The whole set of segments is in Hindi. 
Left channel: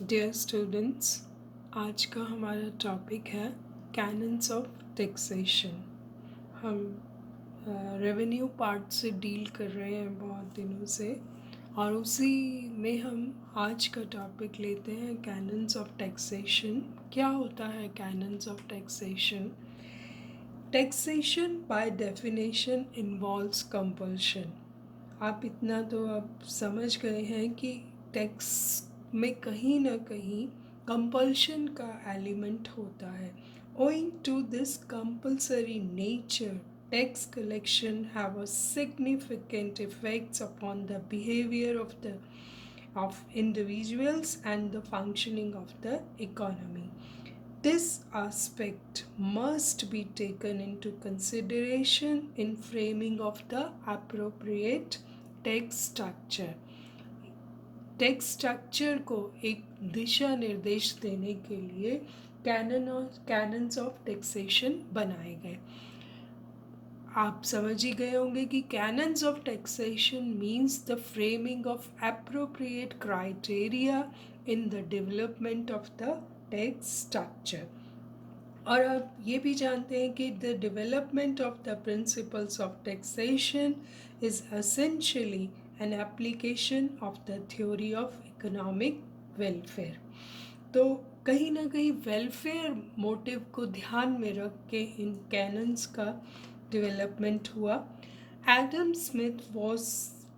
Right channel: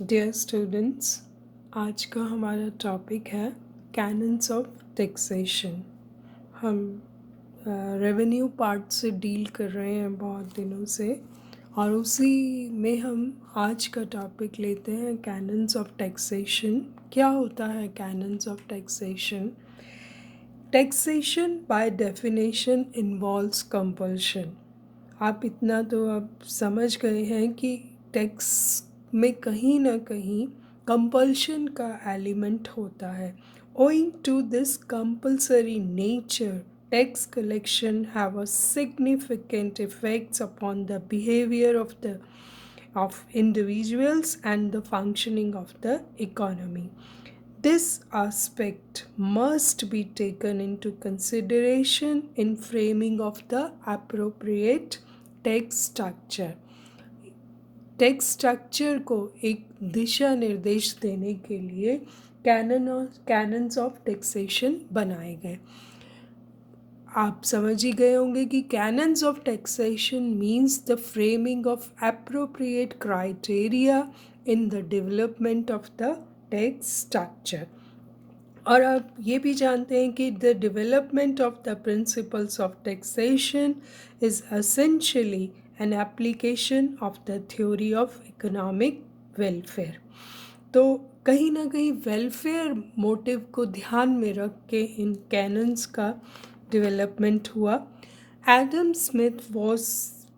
डियर स्टूडेंट्स, आज का हमारा टॉपिक है कैनन्स ऑफ टैक्सेशन। हम रेवेन्यू पार्ट से डील कर रहे हैं बहुत दिनों से, और उसी में हम आज का टॉपिक लेते हैं कैनन्स ऑफ टैक्सेशन। क्या होता है cannons of taxation? Taxation by definition involves compulsion. आप इतना तो अब समझ गए हैं कि टैक्स में कहीं ना कहीं कंपल्शन का एलिमेंट होता है। Owing to this compulsory nature, tax collection have a significant effects upon the behavior of individuals and the functioning of the economy. This aspect must be taken into consideration in framing of the appropriate tax structure. Tax structure को एक दिशा निर्देश देने के लिए कैनन्स ऑफ टैक्सेशन बनाए गए। आप समझ ही गए होंगे कि cannons of taxation means the framing of appropriate criteria in the development of the tax structure. और आप ये भी जानते हैं कि the development of the principles of taxation is essentially an application of the theory of economic welfare. तो कहीं ना कहीं वेलफेयर मोटिव को ध्यान में रख के इन कैनन्स का डेवलपमेंट हुआ। Adam Smith was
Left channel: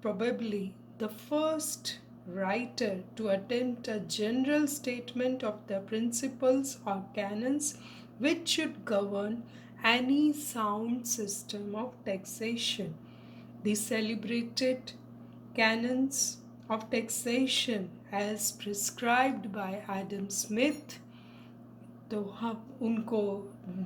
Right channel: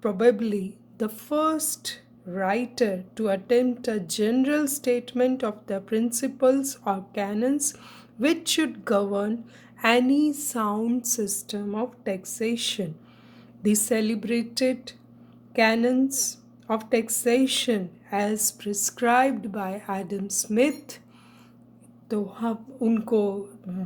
probably the first writer to attempt a general statement of the principles or canons which should govern any sound system of taxation. The celebrated canons of taxation as prescribed by Adam Smith, तो हम उनको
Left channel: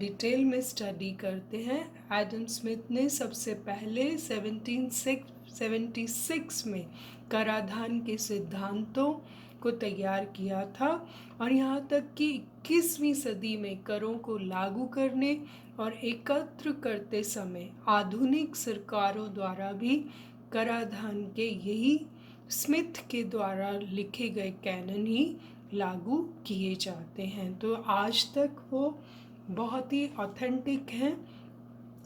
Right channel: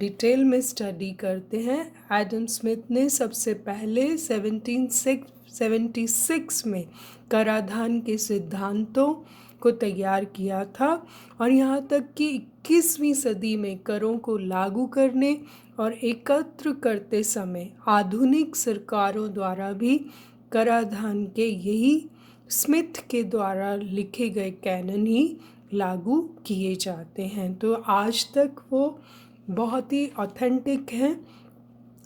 डिटेल में स्टडी करते हैं। एडम स्मिथ ने सबसे पहले 1776 में कराधान के सिद्धांतों को तैयार किया था, और यहाँ तक कि 21वीं सदी में करों को लागू करने और एकत्र करते समय आधुनिक सरकारों द्वारा भी कराधान के यही स्मिथ के द्वारा लिखे गए कैनन ही लागू किए जाते हैं। तो आज तक वो बहुत ही ऑथेंटिक हैं,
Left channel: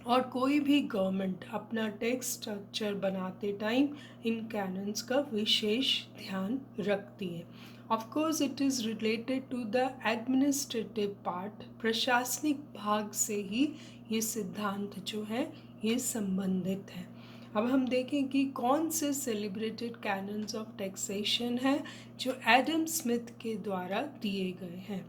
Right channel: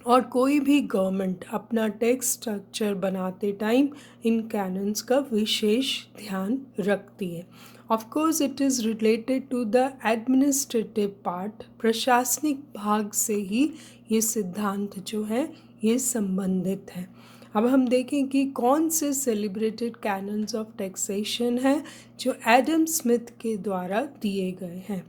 और कोई भी गवर्नमेंट अपना टैक्स स्ट्रक्चर बनाते टाइम इन कैनन्स का विशेष ध्यान रखती है। Of course it is related to the administrative part, प्रशासनिक भाग से ही ये सिद्धांत जो है ये संबंधित है। अब हम देखें कि कौन से सेलिब्रेटेड कैनन्स ऑफ टैक्सेशन हैं जो एडम स्मिथ के द्वारा दिए गए हैं।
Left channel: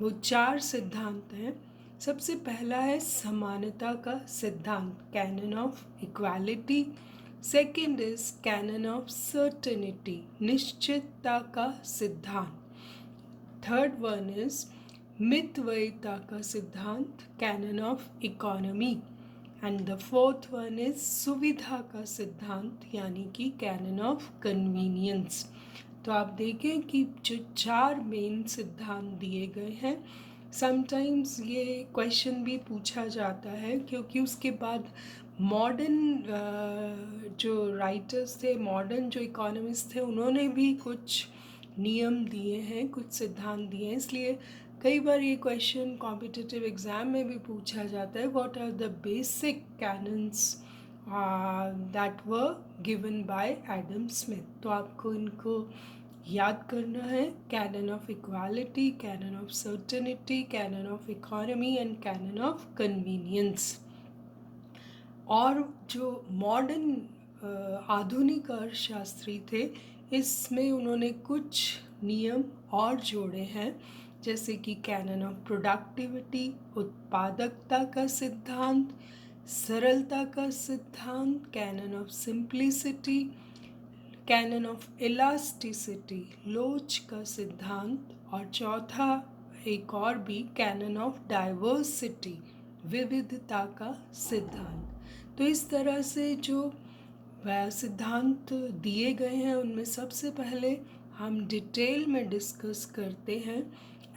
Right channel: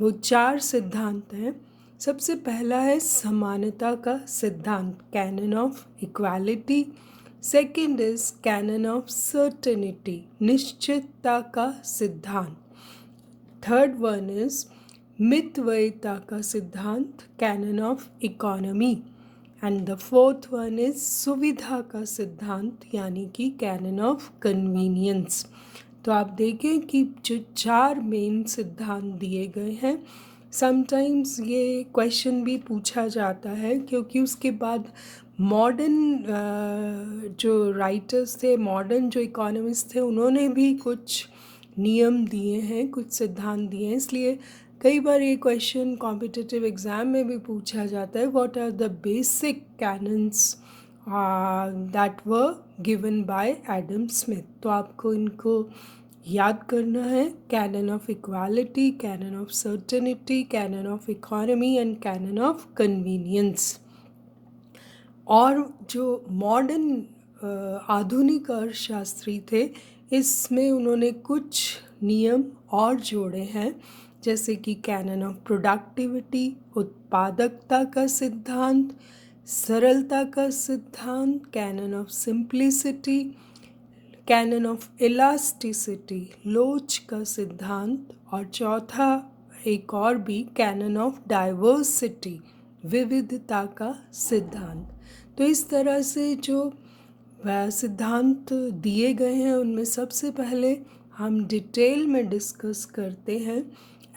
वो 4 सिद्धांत हैं। सबसे पहला है समानता का सिद्धांत, cannon of equality. Second is cannon of certainty, निश्चितता का सिद्धांत। थर्ड वन इज मितव्ययिता का सिद्धांत, cannon of economy. And the fourth one is सुविधा का सिद्धांत, यानी कि कैनन ऑफ कन्वीनियंस। तो आप देखें कि जो 4 मेन सिद्धांत दिए गए हैं, समटाइम्स ये क्वेश्चन भी पूछा जाता है क्योंकि उसके बाद मॉडर्न जो राइटर्स थे, मॉडर्न जो इकोनॉमिस्ट थे, उन्होंने भी कुछ नियम दिए हैं, कुछ सिद्धांत दिए हैं। इसलिए कई बार ये क्वेश्चन कॉम्पिटिटिव एग्ज़ाम में भी पूछा जाता है, what are the basic canons that were given by Adam Smith. तो आपको इनको याद करना है, canon of equality, canon of certainty, canon of economy and canon of convenience. और जो मॉडर्न आधुनिक अर्थशास्त्री थे, इसमें उन्होंने कुछ नियम और जोड़े हैं, जैसे कि कैनन ऑफ प्रोडक्टिविटी, उत्पादकता का सिद्धांत, सरलता का सिद्धांत, canon of simplicity, canon of elasticity, लोच का सिद्धांत, और चौथा एक और भी, कैनन ऑफ डाइवर्सिटी, विविधता का सिद्धांत। तो इस तरह से जो सिद्धांत दिए गए हैं उनमें सबसे पहले हम डिटेल में डिस्कस करते हैं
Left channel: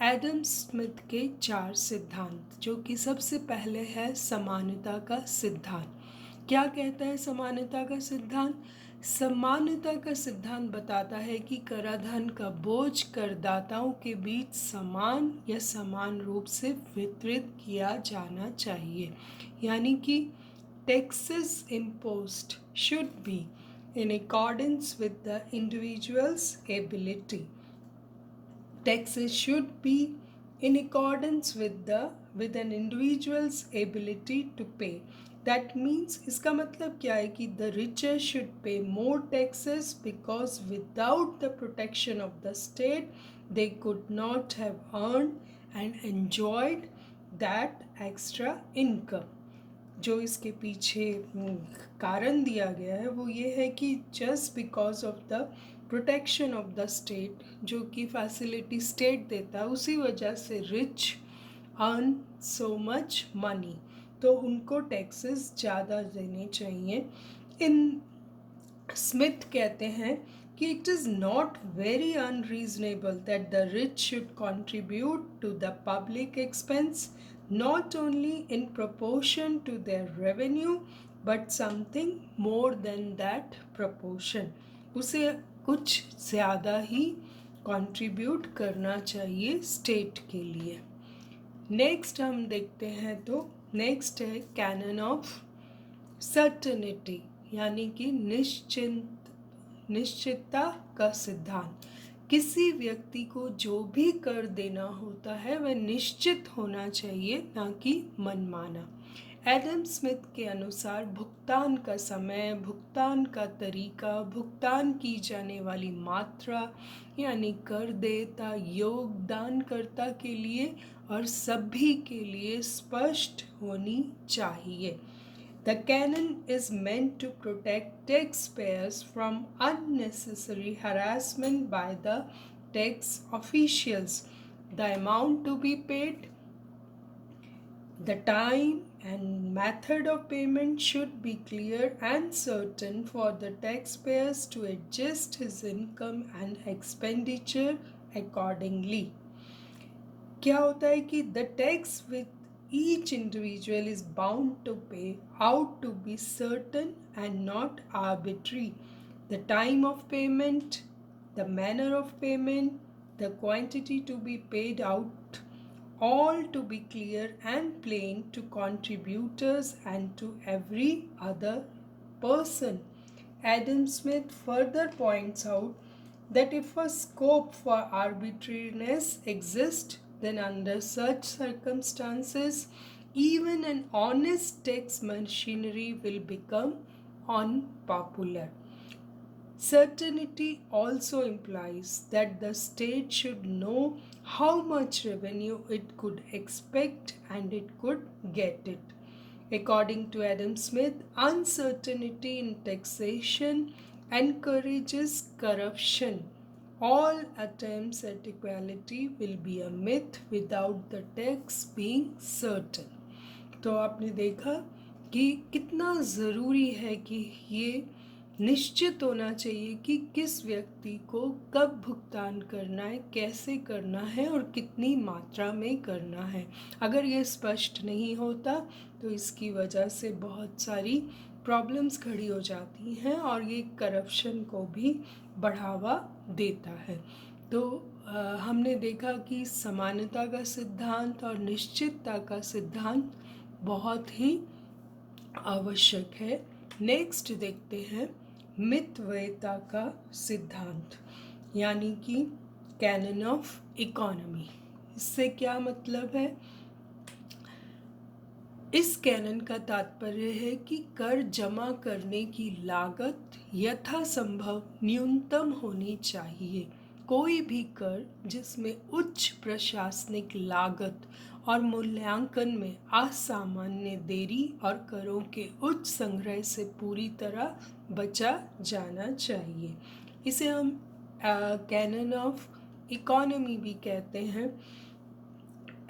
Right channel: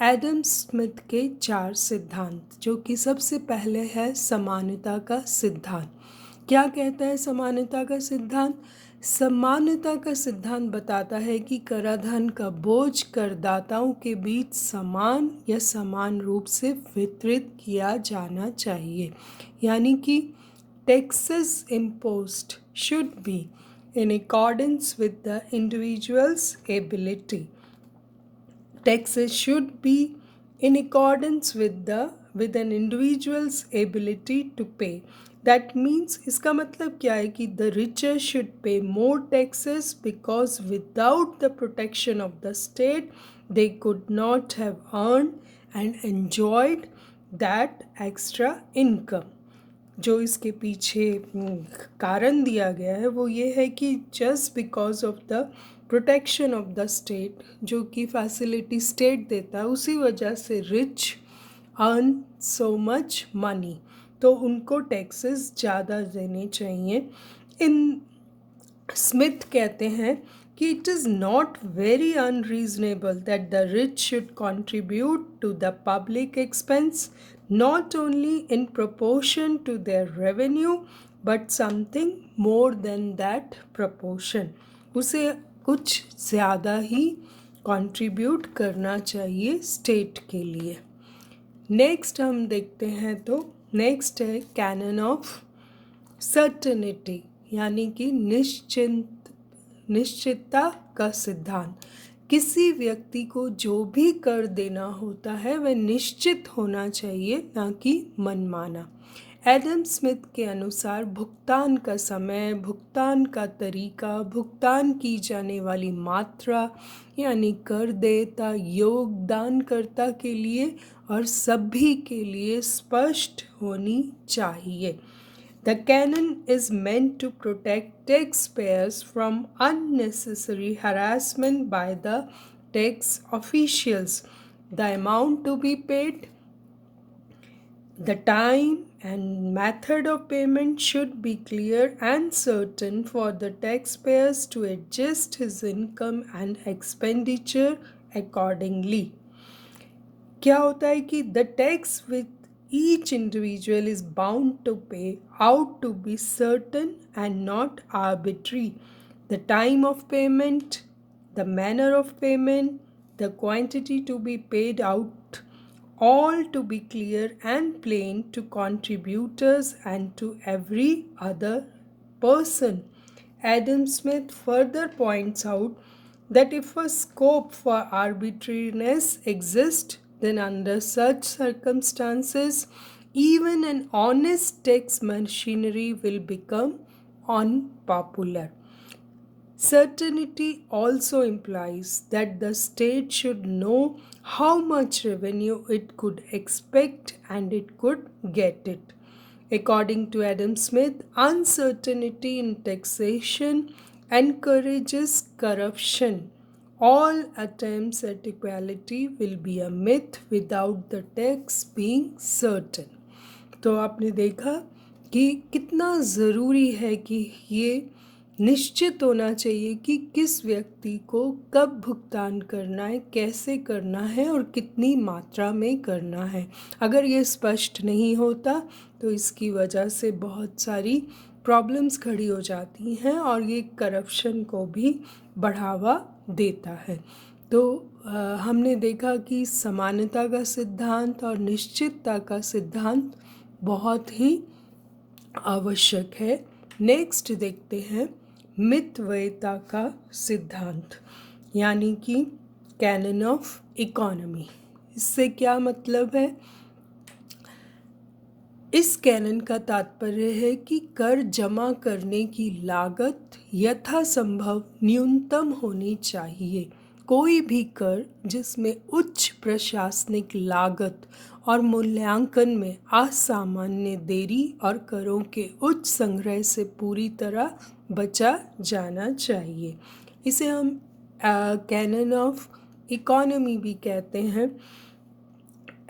एडम स्मिथ के 4 सिद्धांत, जो कि सबसे पहले है समानता का सिद्धांत। क्या कहता है समानता का सिद्धांत? समानता का सिद्धांत बताता है कि कराधान का बोझ करदाताओं के बीच समान या समान रूप से वितरित किया जाना चाहिए, यानी कि taxes imposed should be in accordance with the individual's ability. Taxes should be in accordance with an individual's ability to pay. That means इसका मतलब क्या है कि the richer should pay more taxes because without the protection of the state they could not have earned and enjoyed that extra income. जो इसके पीछे कारण दिया गया है वो ये है कि just because of the protection of the state, जो कि फैसिलिटी स्टेट देता है, उसी वजह से rich earn so much money, तो उनको टैक्सेस ज़्यादा देने चाहिए। इन स्मिथ कहते हैं कि it is not very unreasonable that the rich should contribute to the public expense not only in proportion to their revenue but something more than that proportion. उसे कुछ ज़्यादा ही कंट्रीब्यूट करना चाहिए स्टेट के लिए। नेक्स्ट हम देखते हैं तो नेक्स्ट है कैनन ऑफ सर्टेनिटी, यानी कि निश्चितता का सिद्धांत। किसी व्यक्ति को जो भी कर देना होता है वह निश्चित होना चाहिए, ना कि मनमाना। एडम स्मिथ के अनुसार भुगतान का समय, भुगतान का तरीका, भुगतान की जाने वाली मात्रा यानी कर देता, योगदानकर्ता के लिए और सभी के लिए स्पष्ट होनी चाहिए। The canon is meant to protect taxpayers from unnecessary harassment by the tax officials. The amount to be paid, the time and method of payment should be clear and certain for the taxpayers to adjust his income and expenditure accordingly. क्या होता है कि the tax with each individual is bound to pay out to be certain and not arbitrary. The time of payment, the manner of payment, the quantity to be paid out, all to be clear and plain to contributors and to every other person. Adam Smith further points out that if a scope for arbitrariness exists, then under such circumstances, even an honest tax machinery will become unpopular. Certainty also implies that the state should know how much revenue it could expect and it could get it. According to Adam Smith, uncertainty in taxation encourages corruption. All attempts at equality will be a myth without the tax being certain. तो आपने देखा कि कितना ज़रूरी है कि ये निश्चित होना चाहिए कि किस व्यक्ति को कब भुगतान करना है, कैसे करना है और कितनी मात्रा में करना है। अगर ये स्पष्ट नहीं होता तो इसकी वजह से बहुत सारी प्रॉब्लम्स खड़ी हो जाती हैं और ये करप्शन को भी बढ़ावा देता है। तो हमने देखा कि समानता का सिद्धांत और निश्चितता का सिद्धांत बहुत ही आवश्यक है। नेक्स्ट देखते हैं मितव्ययिता का सिद्धांत, यानी कि कैनन ऑफ इकोनॉमी। इससे क्या मतलब है? इस कैनन का तात्पर्य है कि कर जमा करने की लागत यथासंभव न्यूनतम होनी चाहिए। कोई भी कर जिसमें उच्च प्रशासनिक लागत और मूल्यांकन में असामान्य देरी और करों के उच्च संग्रह से पूरी तरह बचा जाना चाहिए। इसे हम कैनन ऑफ इकोनॉमी भी कहते हैं।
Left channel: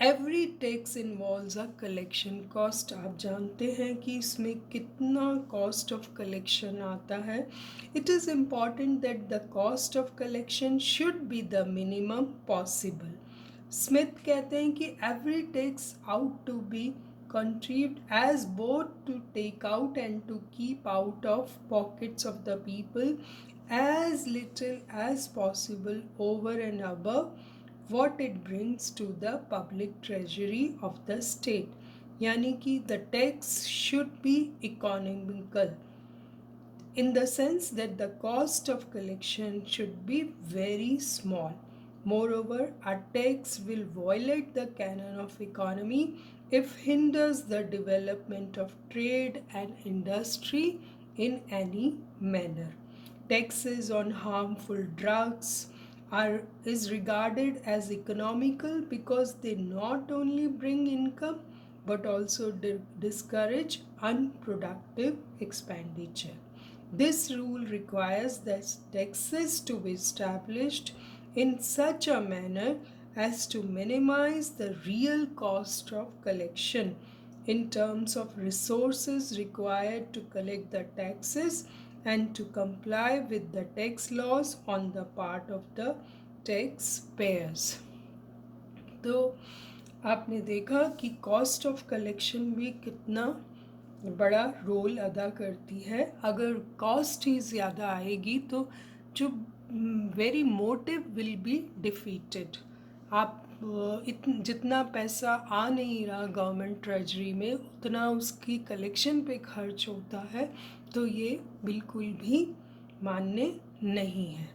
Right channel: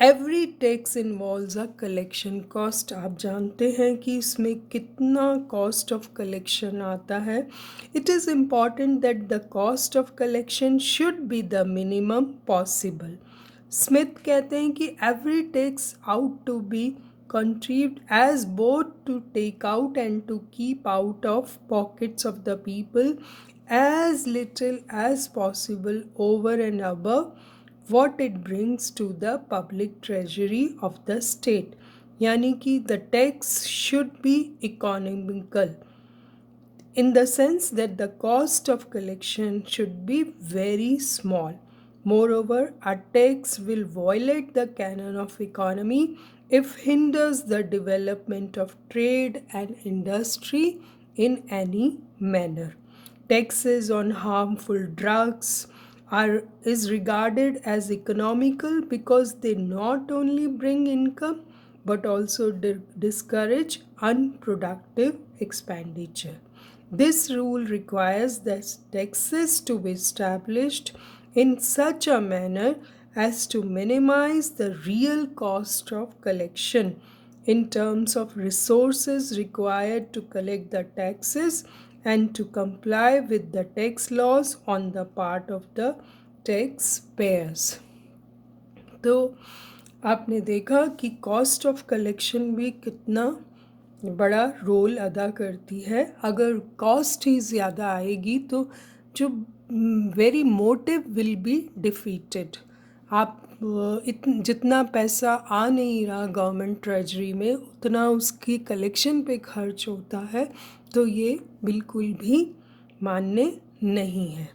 Every tax involves a collection cost. आप जानते हैं कि इसमें कितना कॉस्ट ऑफ कलेक्शन आता है। It is important that the cost of collection should be the minimum possible. Smith कहते हैं कि every tax ought to be conceived as both to take out and to keep out of pockets of the people as little as possible over and above what it brings to the public treasury of the state. यानी कि the tax should be economical in the sense that the cost of collection should be very small. Moreover, a tax will violate the canon of economy if hinders the development of trade and industry in any manner. Taxes on harmful drugs is regarded as economical because they not only bring income but also discourage unproductive expenditure. This rule requires that taxes to be established in such a manner as to minimize the real cost of collection in terms of resources required to collect the taxes and to comply with the tax laws on the part of the taxpayers. तो आपने देखा कि कॉस्ट ऑफ कलेक्शन भी कितना बड़ा रोल अदा करती है. अगर कॉस्ट ही ज़्यादा आएगी तो जो very motive will be defeated. आप जितना पैसा आ नहीं रहा गवर्नमेंट ट्रेजरी में उतना उसकी कलेक्शन पे खर्च होता है, तो ये बिल्कुल भी मान्य नहीं है.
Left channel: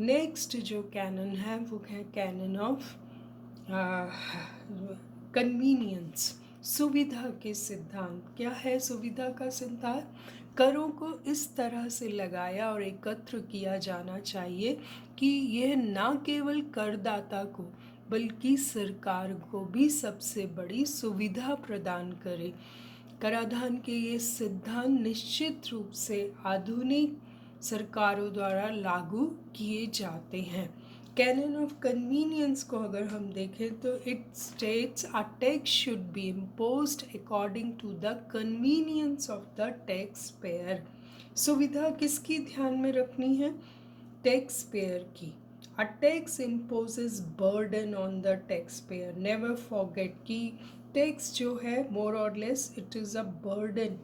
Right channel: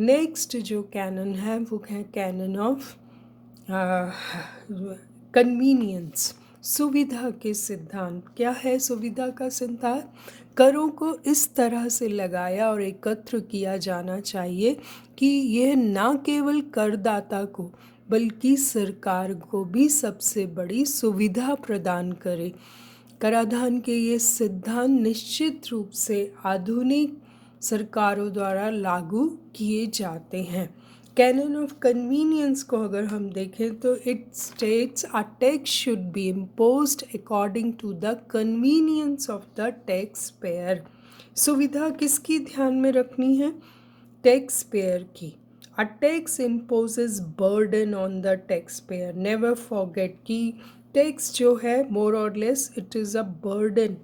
नेक्स्ट जो कैनन है वो है कैनन ऑफ कन्वीनियंस. सुविधा के सिद्धांत. क्या है सुविधा का सिद्धांत? करों को इस तरह से लगाया और एकत्र किया जाना चाहिए कि यह न केवल करदाता को बल्कि सरकार को भी सबसे बड़ी सुविधा प्रदान करे. कराधान के ये सिद्धांत निश्चित रूप से आधुनिक सरकारों द्वारा लागू किए जाते हैं. कैनन ऑफ कन्वीनियंस को अगर हम देखें तो it states a tax should be imposed according to the convenience of the tax payer. सुविधा किसकी ध्यान में रखनी है? टैक्स पेयर की. A tax imposes burden on the tax payer. Never forget कि टैक्स जो है मोर और less it is a burden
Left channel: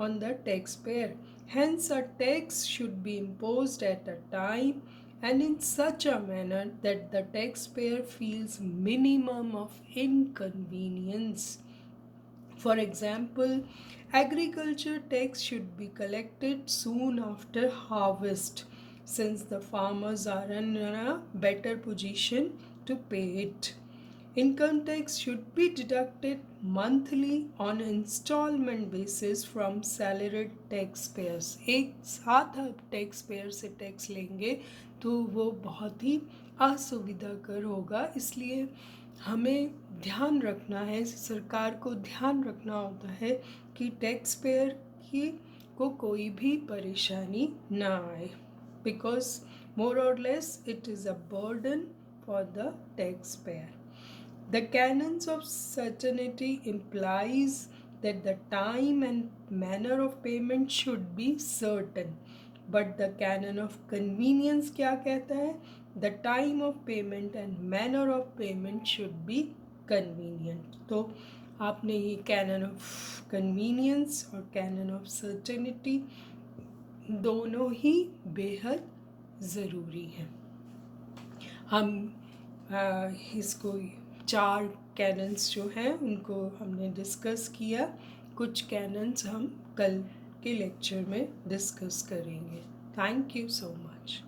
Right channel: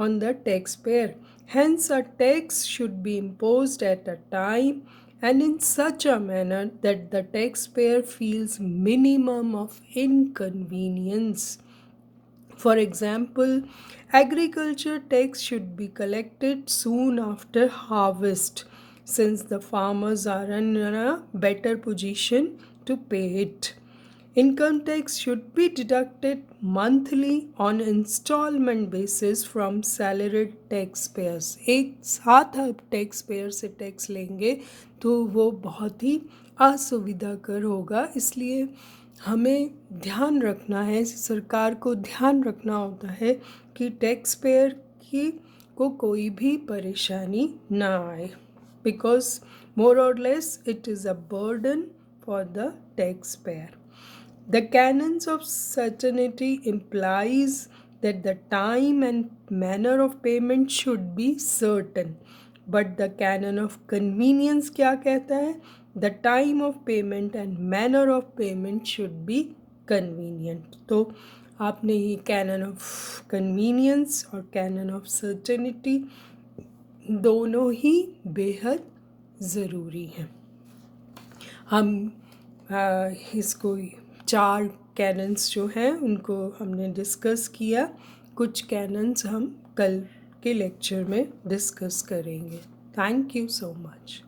on the tax payer. Hence, a tax should be imposed at a time and in such a manner that the taxpayer feels minimum of inconvenience. For example, agriculture tax should be collected soon after harvest, since the farmers are in a better position to pay it. Income tax should be deducted monthly on installment basis from salaried taxpayers. एक साथ आप टैक्स पेयर से टैक्स लेंगे तो वो बहुत ही असुविधाकर होगा. इसलिए हमें ध्यान रखना है, सरकार को ध्यान रखना होता है कि टैक्स पेयर को कोई भी परेशानी ना आए, बिकॉज मोर और less it is a burden for the tax pair. The canons of certainty implies that the time and manner of payment should be certain. But the canon of convenience क्या कहता है? The time of payment and manner of payment should be convenient. तो आपने ये canon of convenience और canon of certainty दोनों ही बेहद ज़रूरी हैं. हम इसको 4 कैनन्स जो हैं उनको हमने डिस्कस किया. कुछ कैनन्स हम कल के लेक्चर में डिस्कस करेंगे. Thank you so much.